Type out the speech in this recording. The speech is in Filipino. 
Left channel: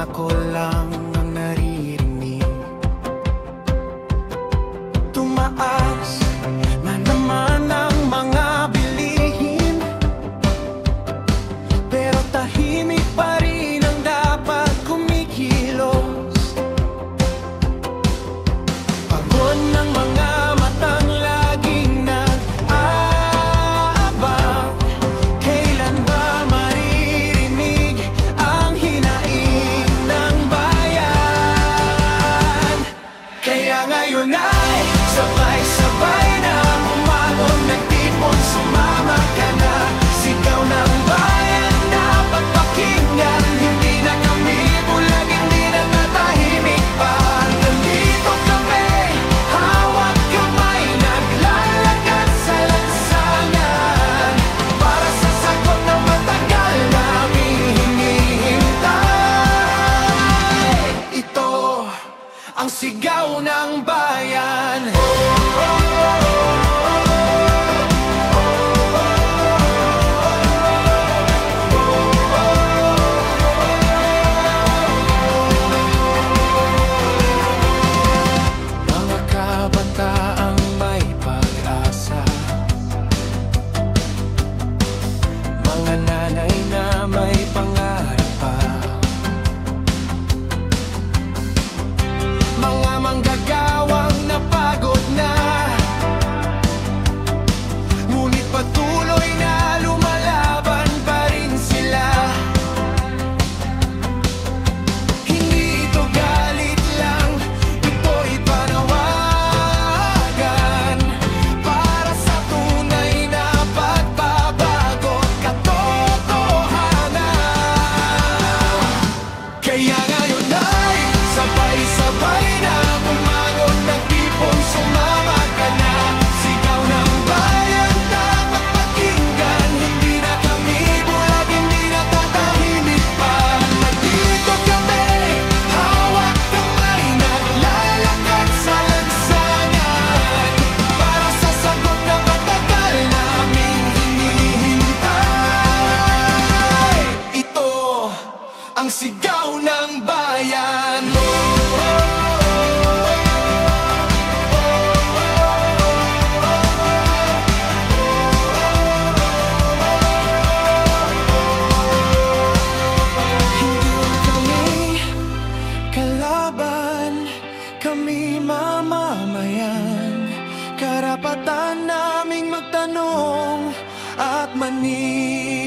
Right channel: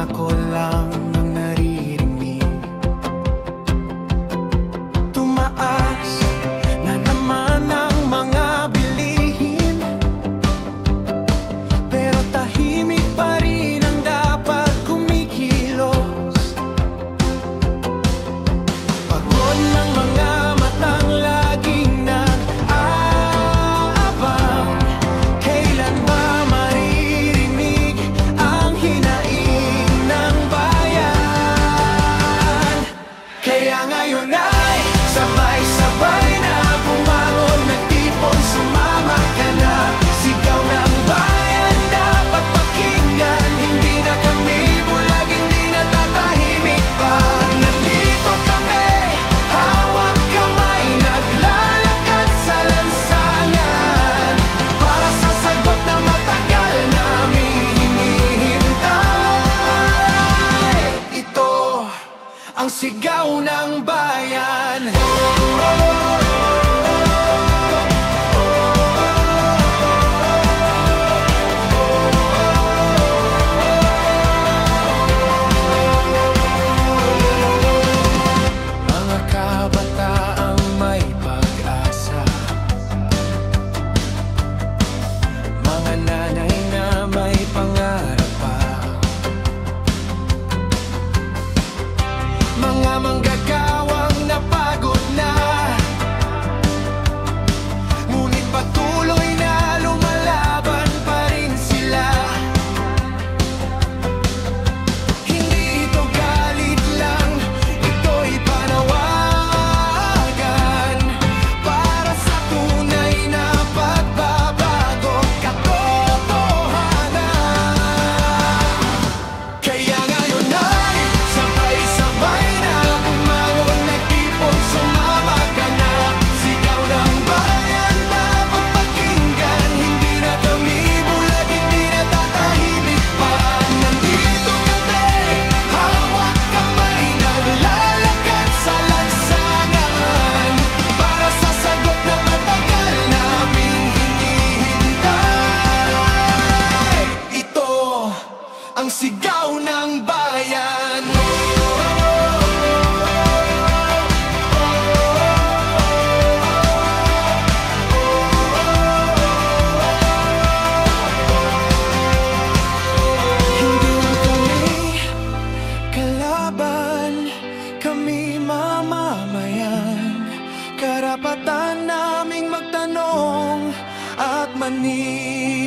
ako lang ang naririnig. Tumaas na naman ang mga bilihin, pero tahimik pa rin ang dapat kumikilos. Pagod ng mga matang laging nag-aabang, kailan ba maririnig ang hinaing ng bayan? Kaya ngayon ay sabay-sabay na bumangon, nagtipon, sumama ka na. Sigaw ng bayan dapat pakinggan, hindi na kami bulag, hindi na tatahimik pa. Nandito kami, hawak kamay, naglalakad sa lansangan, para sa sagot na matagal naming hinihintay. Ito ang sigaw ng bayan. Mga kabataang may pag-asa, mga nanay na may pangarap pa, mga manggagawang napagod na, ngunit patuloy na lumalaban pa rin sila. Hindi ito galit lang, ito'y panawagan para sa tunay na pagbabago at katotohanan. Kaya ngayon ay sabay-sabay na bumangon, nagtipon, sumama ka na. Sigaw ng bayan dapat pakinggan, hindi na kami bulag, hindi na tatahimik pa. Nandito kami, hawak kamay, naglalakad sa lansangan, para sa sagot na matagal naming hinihintay. Ito ang sigaw ng bayan. Hindi kami kalaban, kami mamamayan. Karapatan naming magtanong at manin.